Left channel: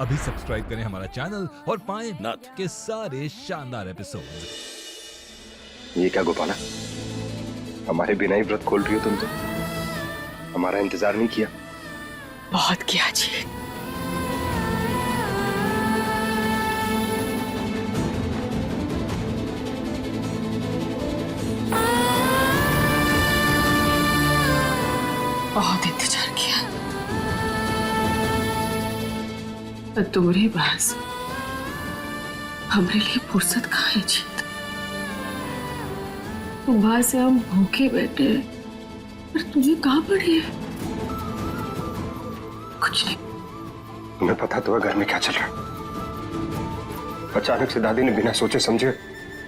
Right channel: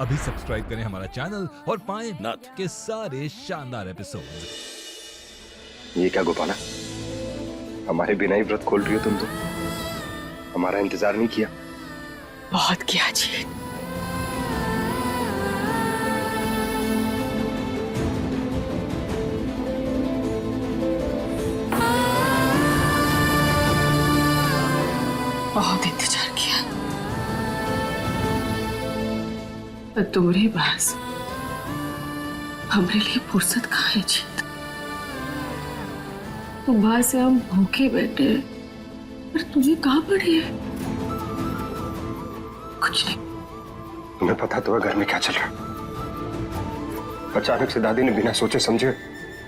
अभी सब्सक्राइब करें हमारा चैनल और पाएं नथ के सारे शानदार एपिसोड्स। ये क्या गोपाला, हमारे बिना ही व्रत खोल रही हो तुम तो? हमारा इंतजार नहीं किया? बहुत किया जी। बहुत इंतजार किया। तुम्हारे पास हमारे लिए फुर्सत कहाँ है जीत? सुबह से हम भूखे बैठे हैं, पर तुम्हें कहाँ पड़ी है? कुछ नहीं। तुम्हें पता तो है घर में क्या चल रहा है? अचानक से दादी ने बिना सोचे समझे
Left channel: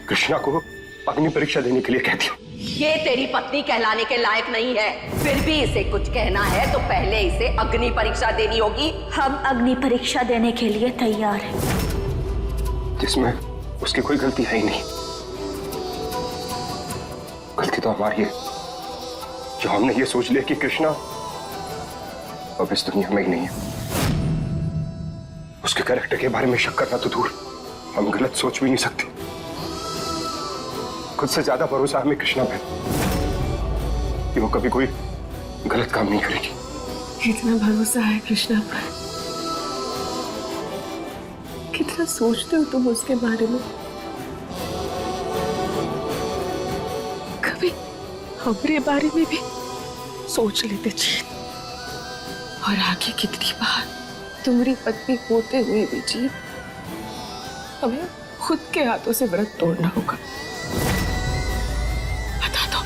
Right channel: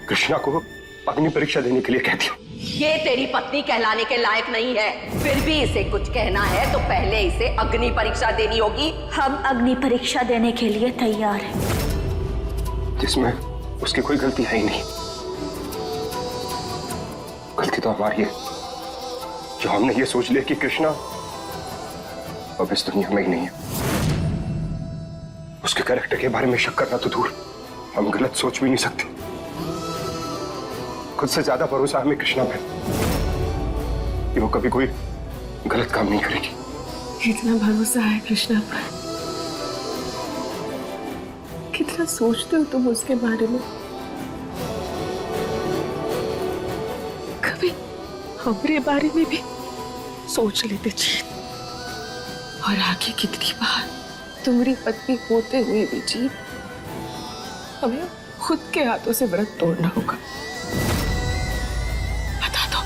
कृष्णा को अग्नि परीक्षा देने के लिए कह दिया। ये तेरी पत्नी कहलाने के लायक नहीं है, फिर भी इसे कुछ कहना है तो पहले इसे अग्नि परीक्षा देनी होगी। हम अग्नि परीक्षा देने के लिए तैयार हैं। जिसमें उसकी कोई गलती है ही नहीं। गलती तो हमारी है जो हमने ये सोच लिया कि कृष्णा अब इस दुनिया में ही नहीं है। उसके कैरेक्टर के बारे में शक करना तो दूर, हम गलत सोच भी नहीं सकते। खुद से ज्यादा भरोसा हमें कृष्णा पे कि वो कभी कोई गलत काम नहीं करेगी। इतना भरोसा है कृष्णा पर? कितना सोचते हो तुम उसके बारे में? कभी हमारे बारे में भी सोच लेते जीत। और आगे कितनी बार तुम्हारी पत्नी होते हुए भी जीत हमें खुद के हाथों से व्रत तोड़ना होगा। बता दो।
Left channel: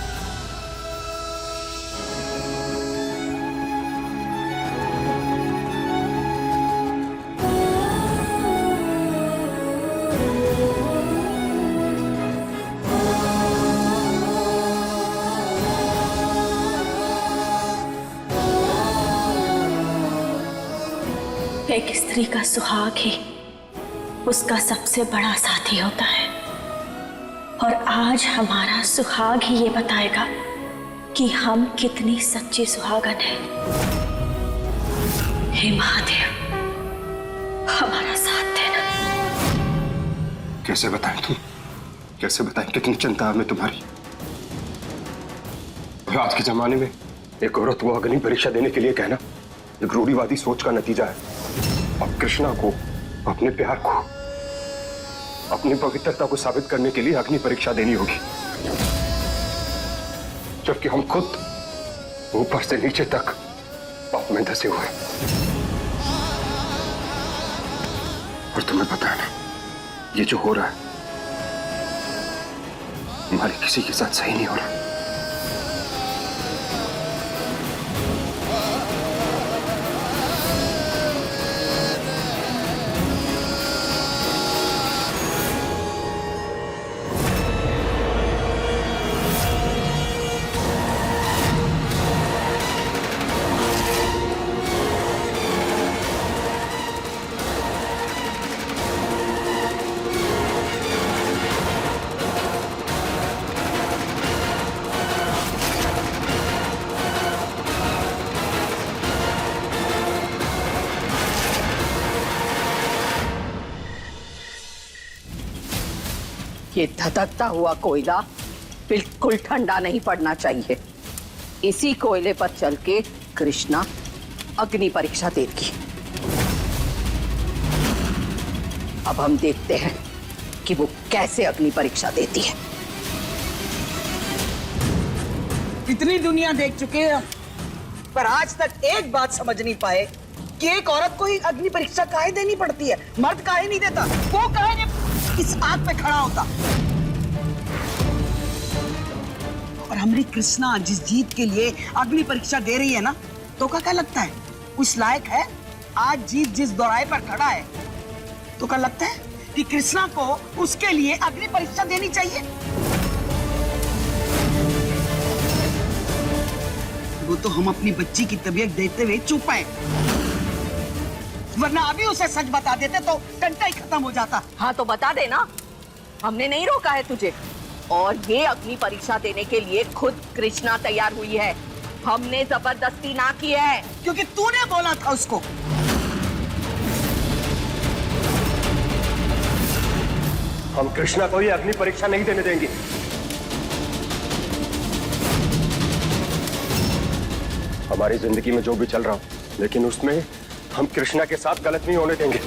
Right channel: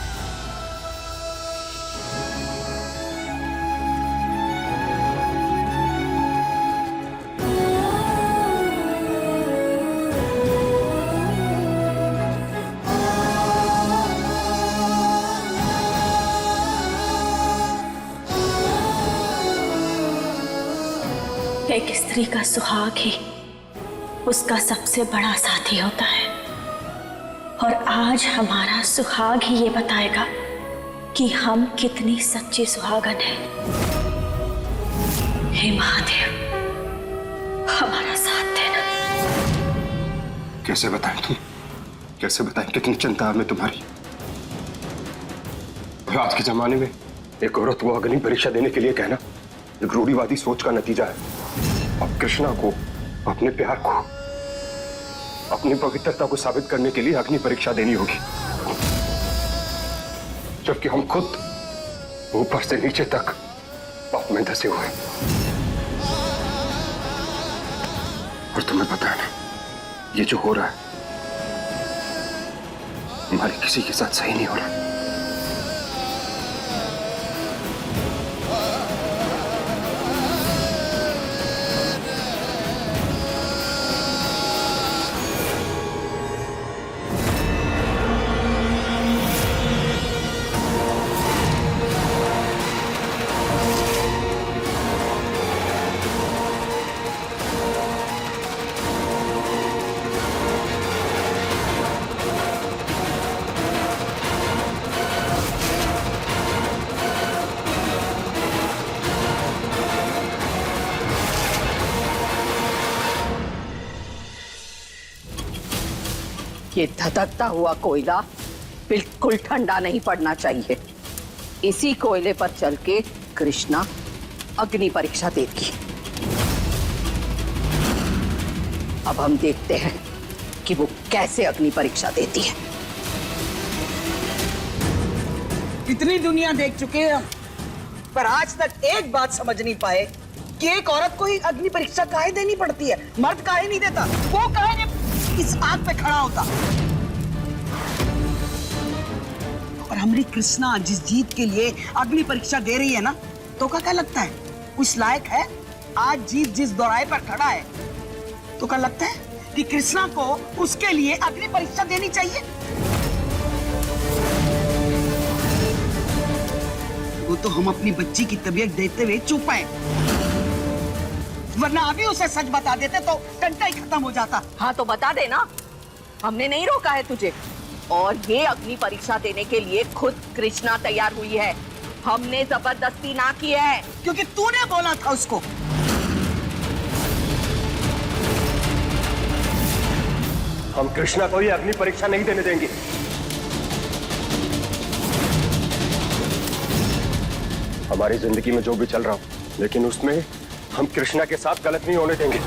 एक स्त्री का सुहाग ही उसका सबसे बड़ा साथी होता है, और आज हमारा सुहाग ही ये बताएगा कि हम कितनी सच्ची सुहागन हैं। हे महादेव, हमारा साथ देना। कैसे बताएं तुम? कैसे बताएं कितनी चिंता हमें तुम्हारी? और आज के जमाने में एक औरत को अग्नि परीक्षा देने के लिए कहना एक रूढ़िवादी सोच का नतीजा है। अब कृष्णा को, अपने प्यार को, अपनी पवित्रता को साबित करने के लिए अग्नि परीक्षा देनी होगी, जबकि हम खुद ऊपर से नीचे तक पाप में धंसे हुए। और तुम्हें पता है ना, ये जो हो रहा है हमारे किसी के साथ सही नहीं हो रहा। ये धधकता हुआ कोयला बिल्कुल ठंडा नहीं पड़ना चाहिए। इसी कोयले पर चल के कृष्णा अग्नि परीक्षा देगी। अब हम देखते हैं कि वो कैसे अग्नि परीक्षा देती है। इतनी दुनिया देख चुके हैं हम, पर आज तक एक बात समझ नहीं पाए कि एक औरत को ही अग्नि परीक्षा काहे देनी पड़ती है। मर्द काहे नहीं देता? वो काहे नहीं इस आग पे खड़ा होता? और हमारी कृष्णा जिस जीत के लिए अग्नि परीक्षा दे रही है ना, तो क्या लगता है उस लायक है? आज जीत जिस दोराहे पर खड़ा है, तो क्या लगता है कि कृष्णा को उसके लिए अग्नि परीक्षा देनी चाहिए? वो तो हम अपनी बच्ची की तबीयत देखते हुए चुप है, वरना अभी उसे सच बता देते तो टंटा ही खत्म हो जाता। हाँ तो बता देना, हमने नहीं रोका है तुझे। और ये अग्नि परीक्षा देने के लिए खुद कृष्णा तैयार हुई है, हमने जबरदस्ती ना की है। क्योंकि तूने बोला था उसको। हम कृष्णा को ये अग्नि परीक्षा नहीं देने देंगे। हमारी जिंदगी में जो भी चल रहा हो, लेकिन उसमें हम कृष्णा के साथ गलत नहीं होने देंगे।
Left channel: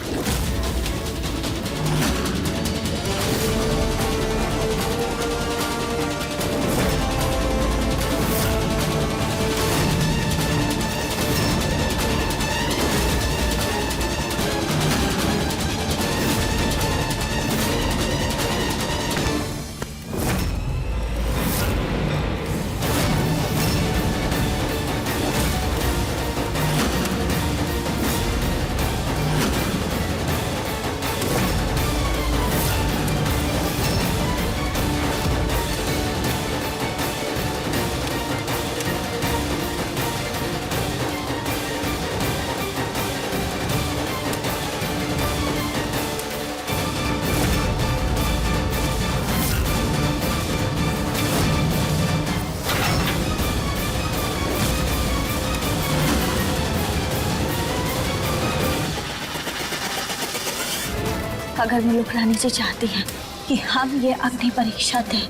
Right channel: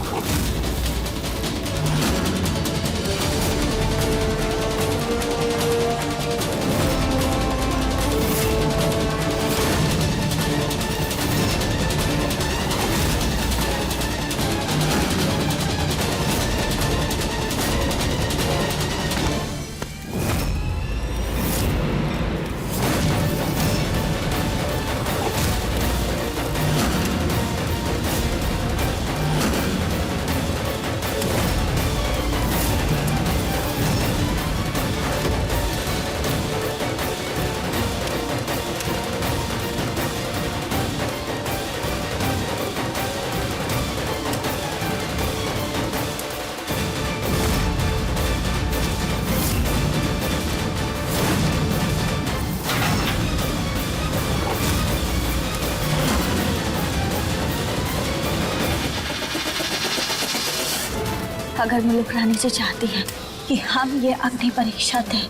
अगर मुलुक रानी जी चाहती हैं कि हम ये अग्नि परीक्षा दें,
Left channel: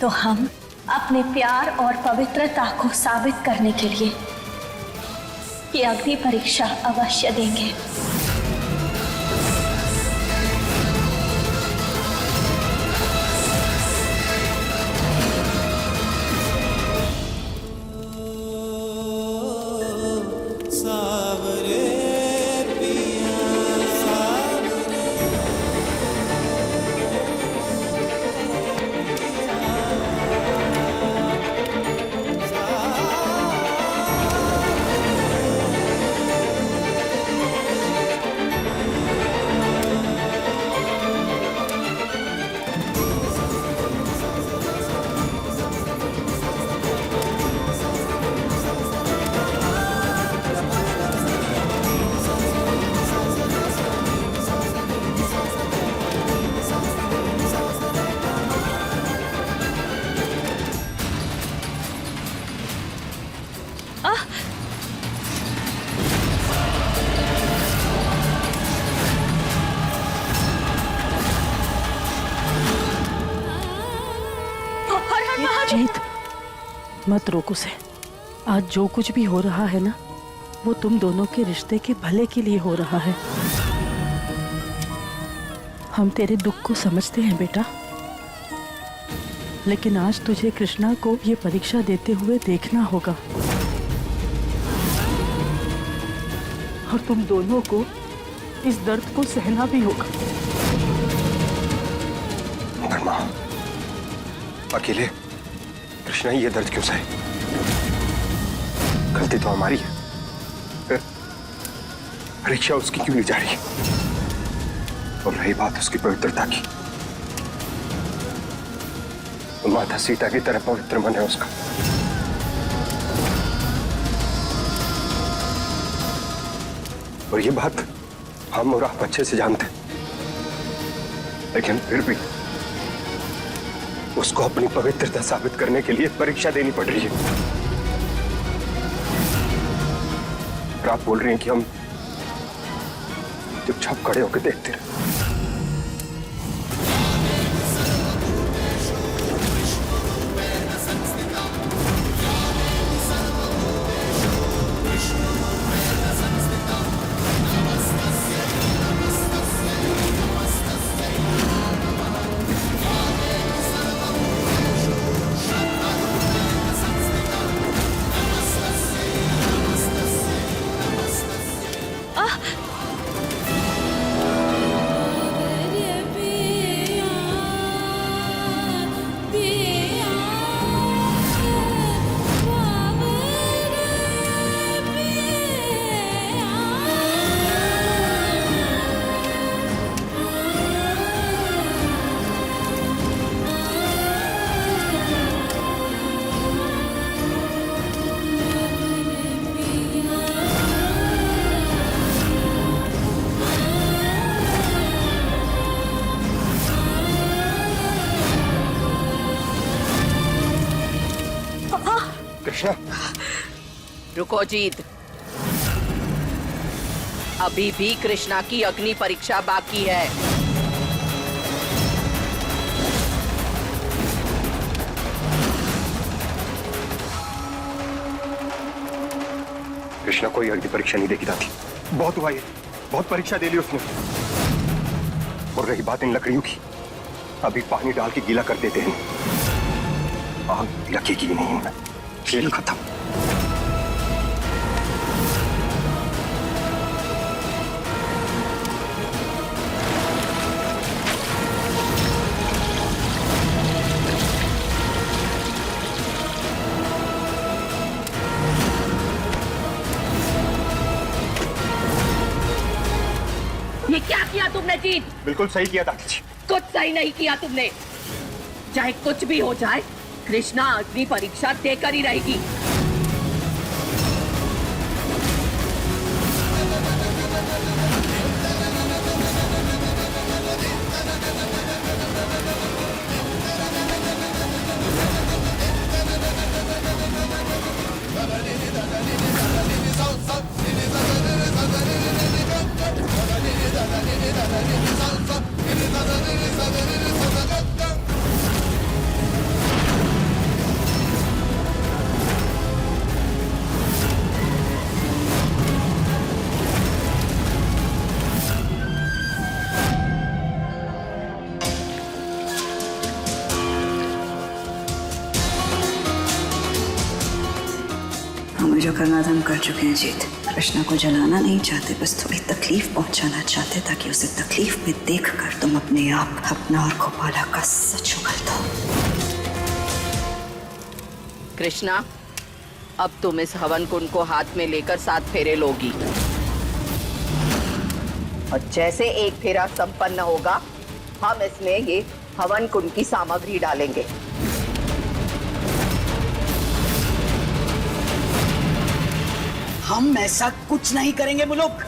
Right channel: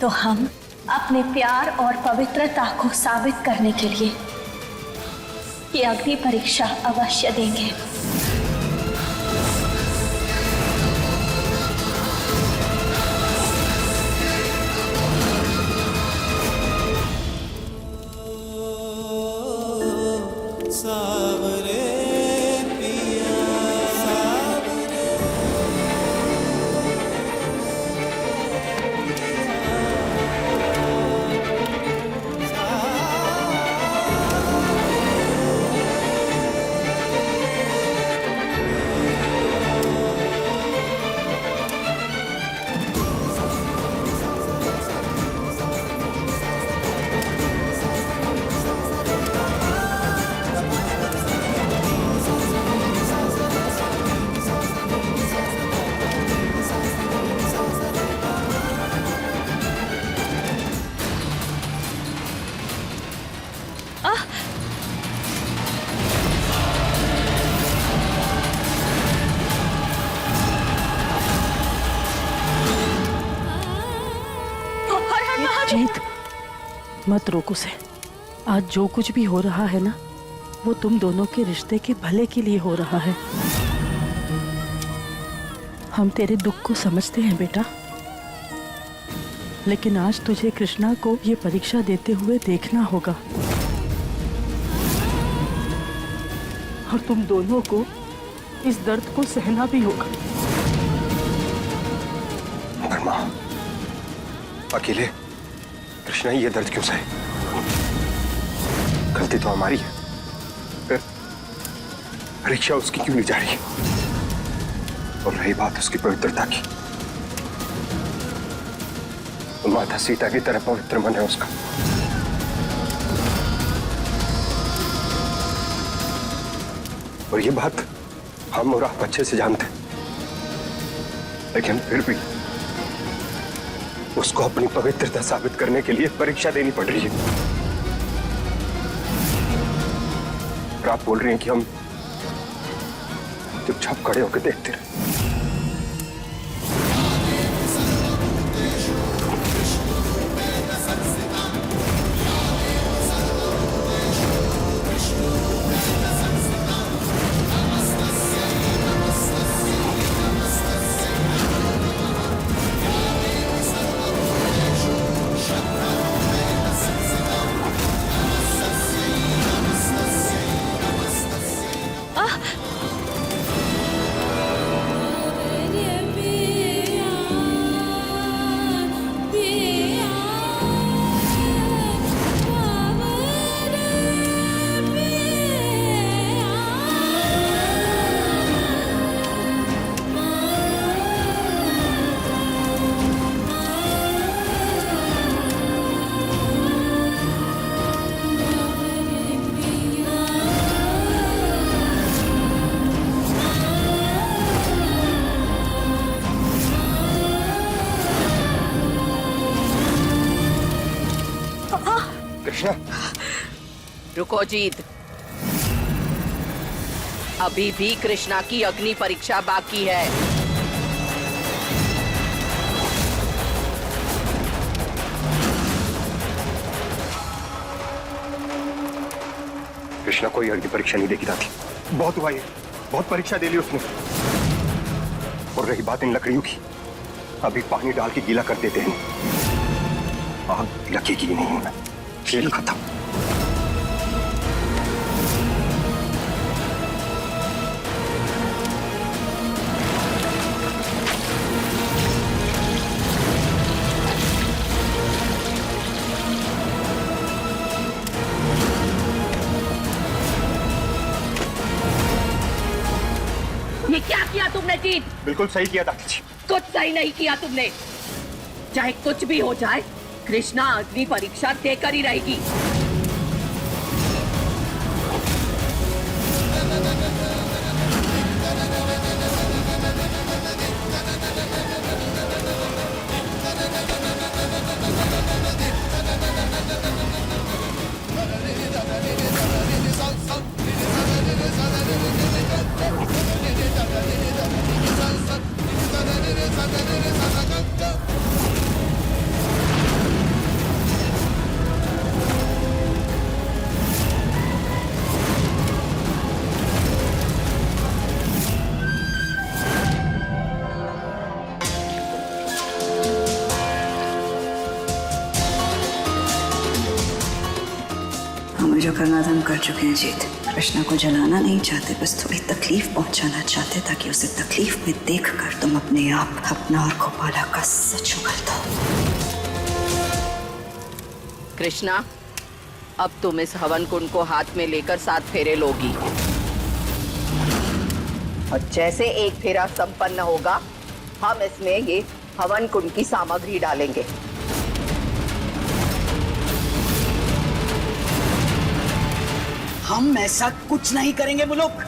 तो हम अपने प्यार और पवित्रता को साबित करने के लिए ये अग्नि परीक्षा अवश्य देंगे। जीत, मत रोक उसे। आज जो कुछ भी हो रहा है ना, वो तुम दोनों के रिश्ते के भले के लिए हो रहा है। हम तेरे दुख को समझते हैं बेटा, लेकिन आज तुझे कृष्णा को ये परीक्षा देते हुए देखना होगा और तुम दोनों को इस दर्द को सहना भी होगा। मगर माँ, अकेले कृष्णा ये दर्द क्यों सहे? गलती तो हमारी है, फिर परीक्षा उसकी क्यों ली जा रही है? और रही बात उसकी पवित्रता की, तो माता सीता की तरह पवित्र मन है उसका। और ये बात हम और आप अच्छे से जानते हैं, लेकिन फिर भी उसको अपनी पवित्रता साबित करने के लिए परीक्षा देनी पड़ रही है। और आप बोल रही हैं कि हम चुपचाप खड़े होकर देखते रहे। कृष्णा, रुको जीत, अभी भी कृष्णा की अग्नि परीक्षा बाकी है। कृष्णा कोई अग्नि परीक्षा नहीं देगी दादी। बहुत हुआ ये, बहुत परीक्षा दे ली उसने। और रही बात इन लकड़ियों की, अभी पानी डाल के गीला कर देते हैं, आग लगेगी ही नहीं इनमें। खेल खत्म। ये क्या किया तुमने जीत? बिल्कुल सही किया दादी जी। कुछ सही नहीं किया तुमने। चाहे कुछ भी हो जाए, कृष्णा अग्नि परीक्षा देकर ही रहेगी। हमें जो करना था हम कर चुके हैं जीत। कृष्णा को जलाना नहीं चाहते, बस थोड़ी तकलीफ पहुंचाना चाहते ताकि उसे तकलीफ में देखकर तुम अपने आप अपना और गोपाला का सच उगल दो। कृष्णा, अब तुम इस हवन कुंड को हाथ में लेकर 7 फेरे लोगी और जैसे एक फेरा संपन्न होगा, हम इसमें ये हवन कुंड की सामग्री डालेंगे। हम ऐसा कुछ नहीं करेंगे मुलुक।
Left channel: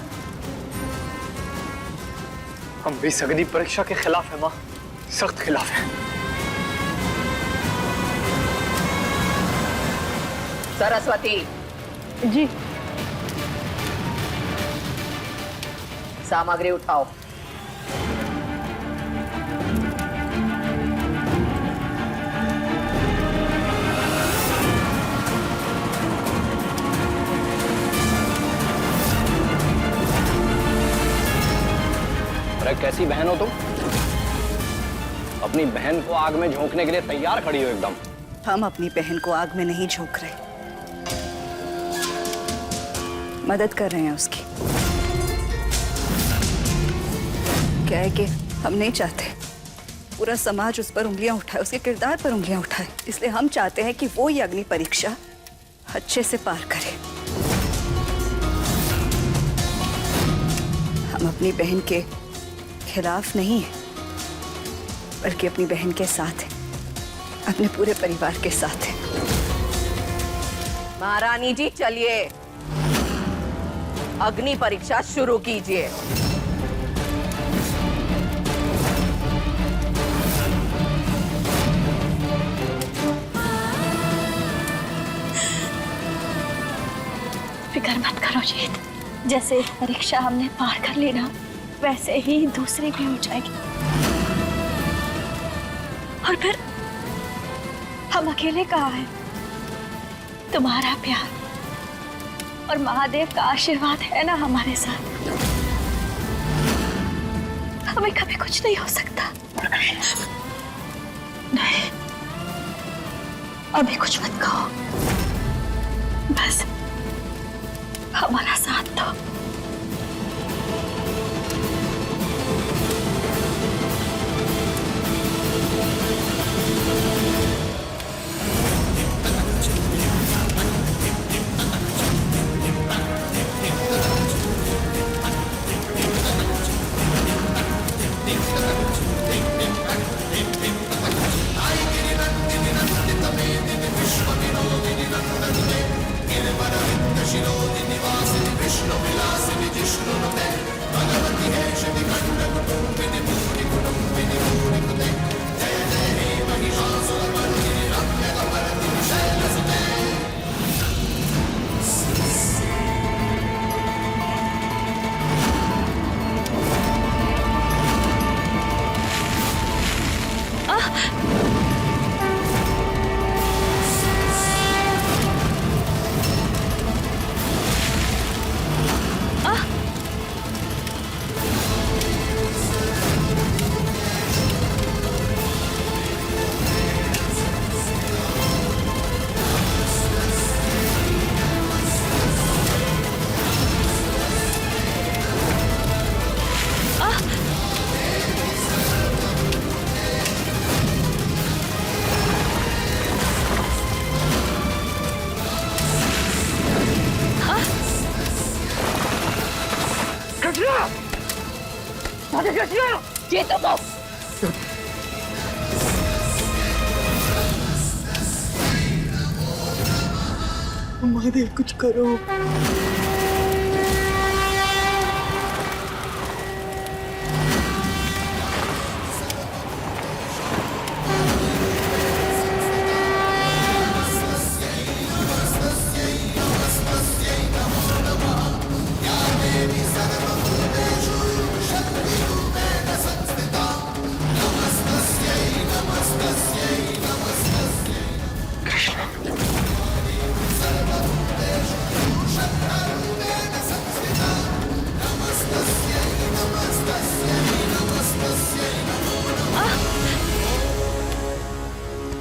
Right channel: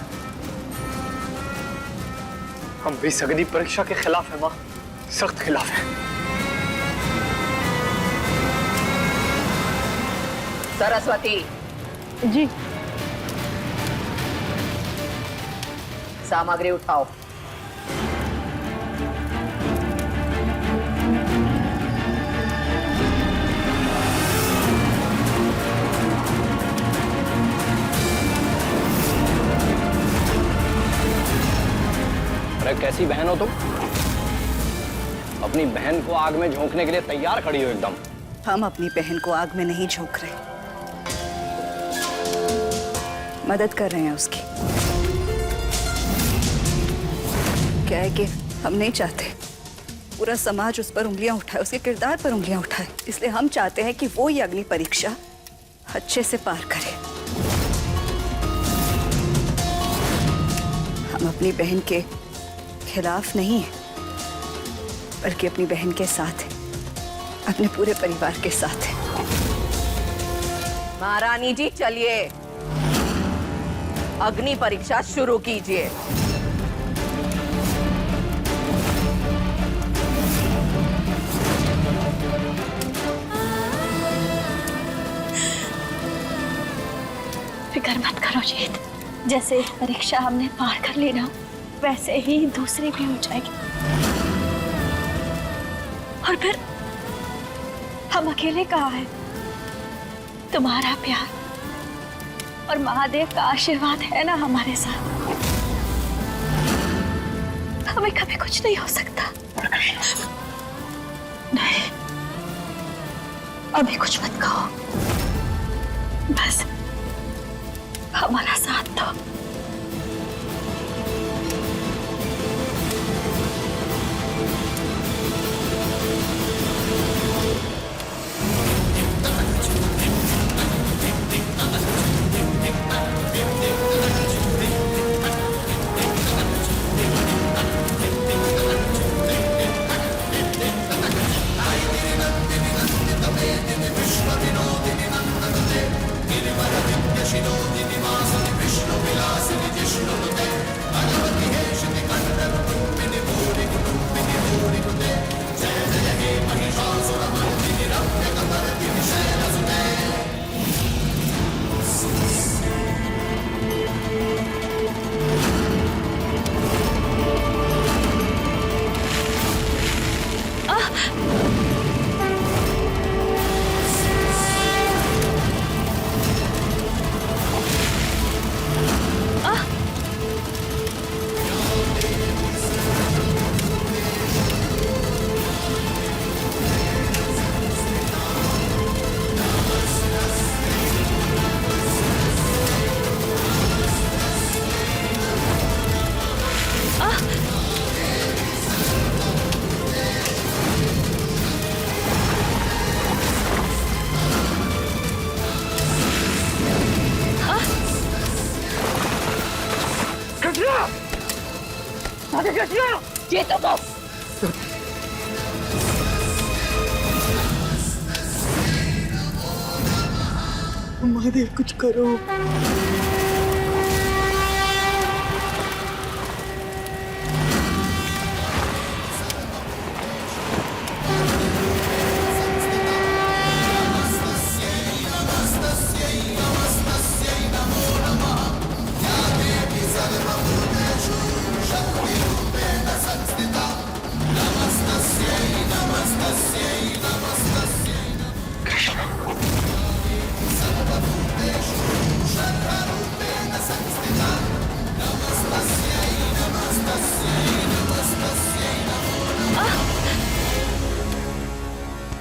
हम भी इस अग्नि परीक्षा के खिलाफ है माँ, सख्त खिलाफ है। सरस्वती जी। सामग्री उठाओ। अरे कैसी बहन हो तुम? अपनी बहन को आग में झोंकने के लिए तैयार खड़ी हो एकदम। हम अपनी बहन को आग में नहीं झोंक रहे, मदद कर रहे हैं उसकी। क्या है कि हम नहीं चाहते पूरा समाज उस पर उंगलियां उठाए, उसके किरदार पर उंगलियां उठाए, इसलिए हम चाहते हैं कि वो ये अग्नि परीक्षा अच्छे से पार करे। हम अपनी बहन के खिलाफ नहीं है, बल्कि अपनी बहन के साथ है, अपने पूरे परिवार के साथ है। महारानी जी, चलिए अग्नि परीक्षा शुरू कीजिए। फिक्र मत करो जीत, जैसे एक परीक्षा हमने पार कर ली ना, वैसे ही दूसरी भी हो जाएगी। और फिर हम अकेले कहाँ हैं? तुम्हारा प्यार और महादेव का आशीर्वाद है ना हमारे साथ। हमें कभी कुछ नहीं हो सकता। नहीं, अभी कुछ मत कहो, बस हमारा साथ दो। गिरिवर विंद शिरोधि निवासिनि विष्णु राधे कृष्ण जीतू को महादेव कुछ करो।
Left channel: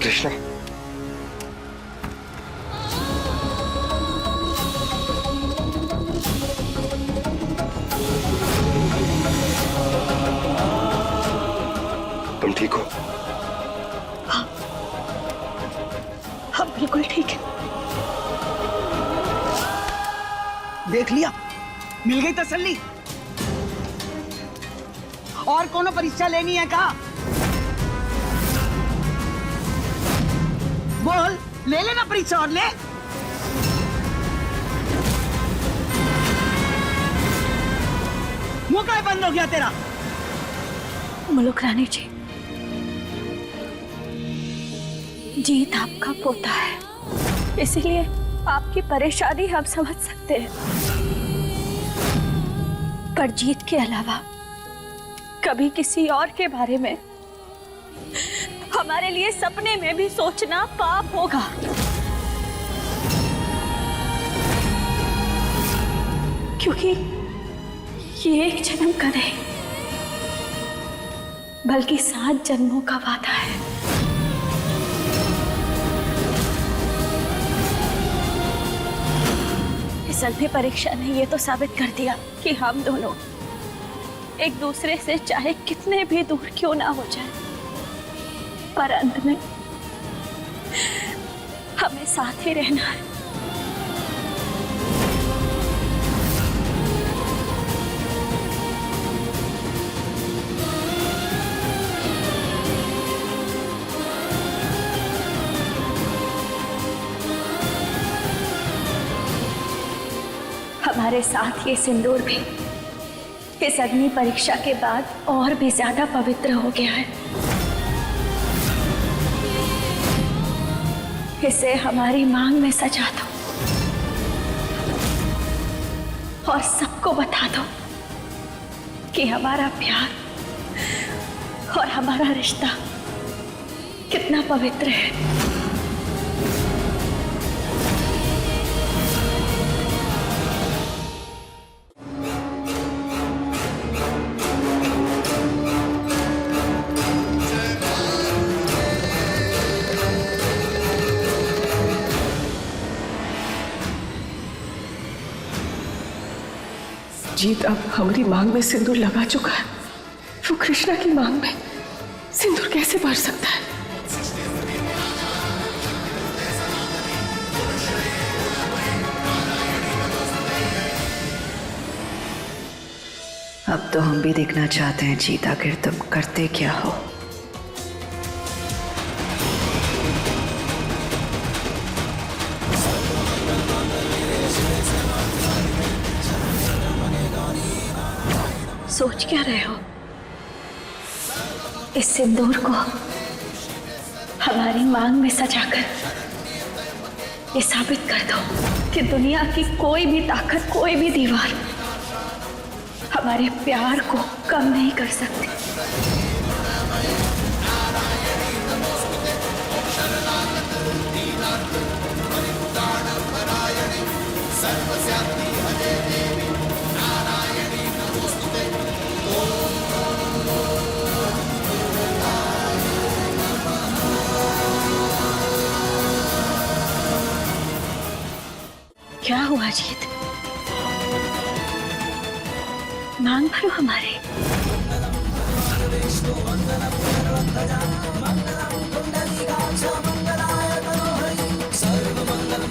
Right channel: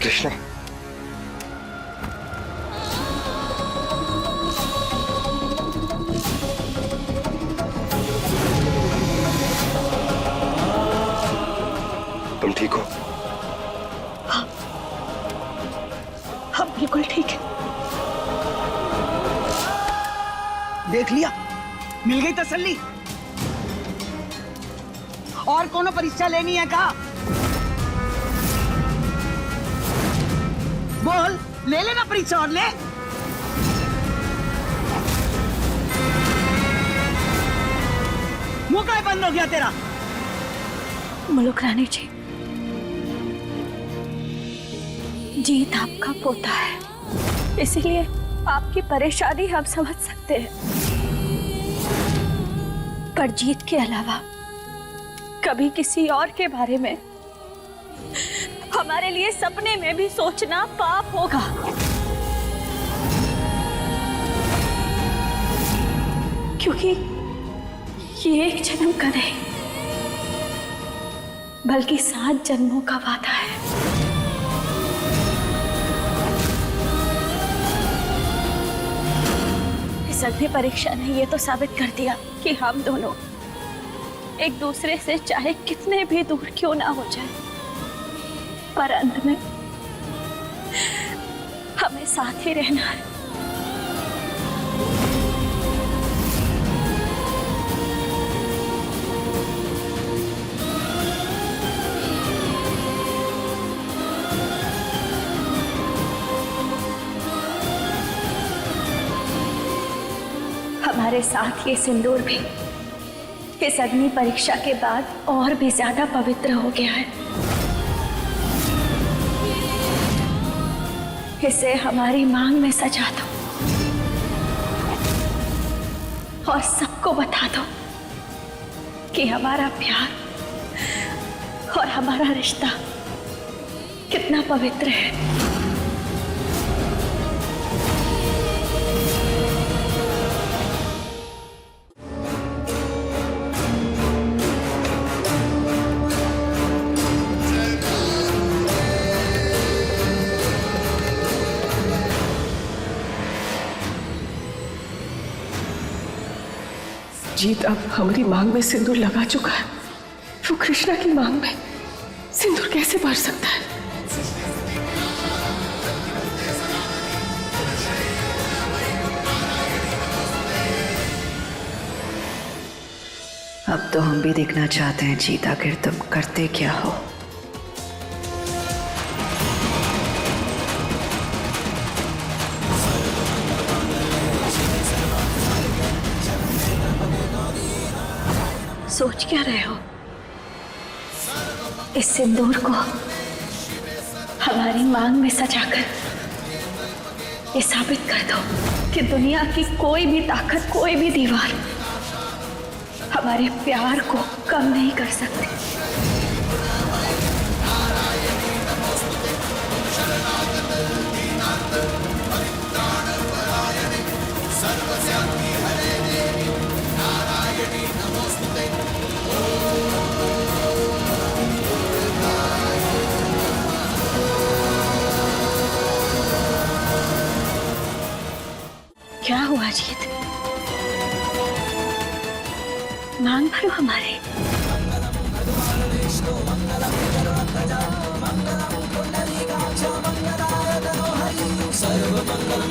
कृष्णा, तुम ठीक हो? हम बिल्कुल ठीक है। देख लिया, मिल गई तसल्ली। और कोनो परीक्षा लेनी है कहा? बोल, ले लेना परीक्षा और ले। मुंह काहे बंद हो गया तेरा? मुलुक रानी जी, जीत आपका पोता है, इसीलिए आपकी परेशानी हम समझ सकते हैं, पर जीत के अलावा कभी किसी और के बारे में हमारे लिए सपने में भी सोचना पाप होगा। क्योंकि ये एक जन्म का नहीं, बल्कि 7 जन्मों का वादा है। इस अग्नि परीक्षा ने ये तो साबित कर दिया कि हम दोनों एक दूसरे से चाहे कितने भी दूर क्यों ना हो जाए, पर अंत में हमें साथ ही रहना है। हमारे साथ ये सिंदूर भी इस अग्नि परीक्षा के बाद और भी ज्यादा पवित्र हो गया है। इसे हमारी मांग में सजा दो और सबको बता दो कि हमारा प्यार और हमारा रिश्ता कितना पवित्र है। जीत अब हमारी मांग में सिंदूर लगा चुका है, वो कृष्णा की मांग में सिंदूर कैसे भर सकता है? अब तो हम भी देखना चाहते हैं जीत, आखिर तुम करते क्या हो। सोच क्या रहे हो? इस सिंदूर को हमारी मांग में सजाकर ये साबित कर दो कि दुनिया की कोई भी ताकत, कोई भी दीवार हमारे प्यार को कम नहीं कर सकती। क्या हुआ जीत? मांग भरो हमारे। सर्व मंगल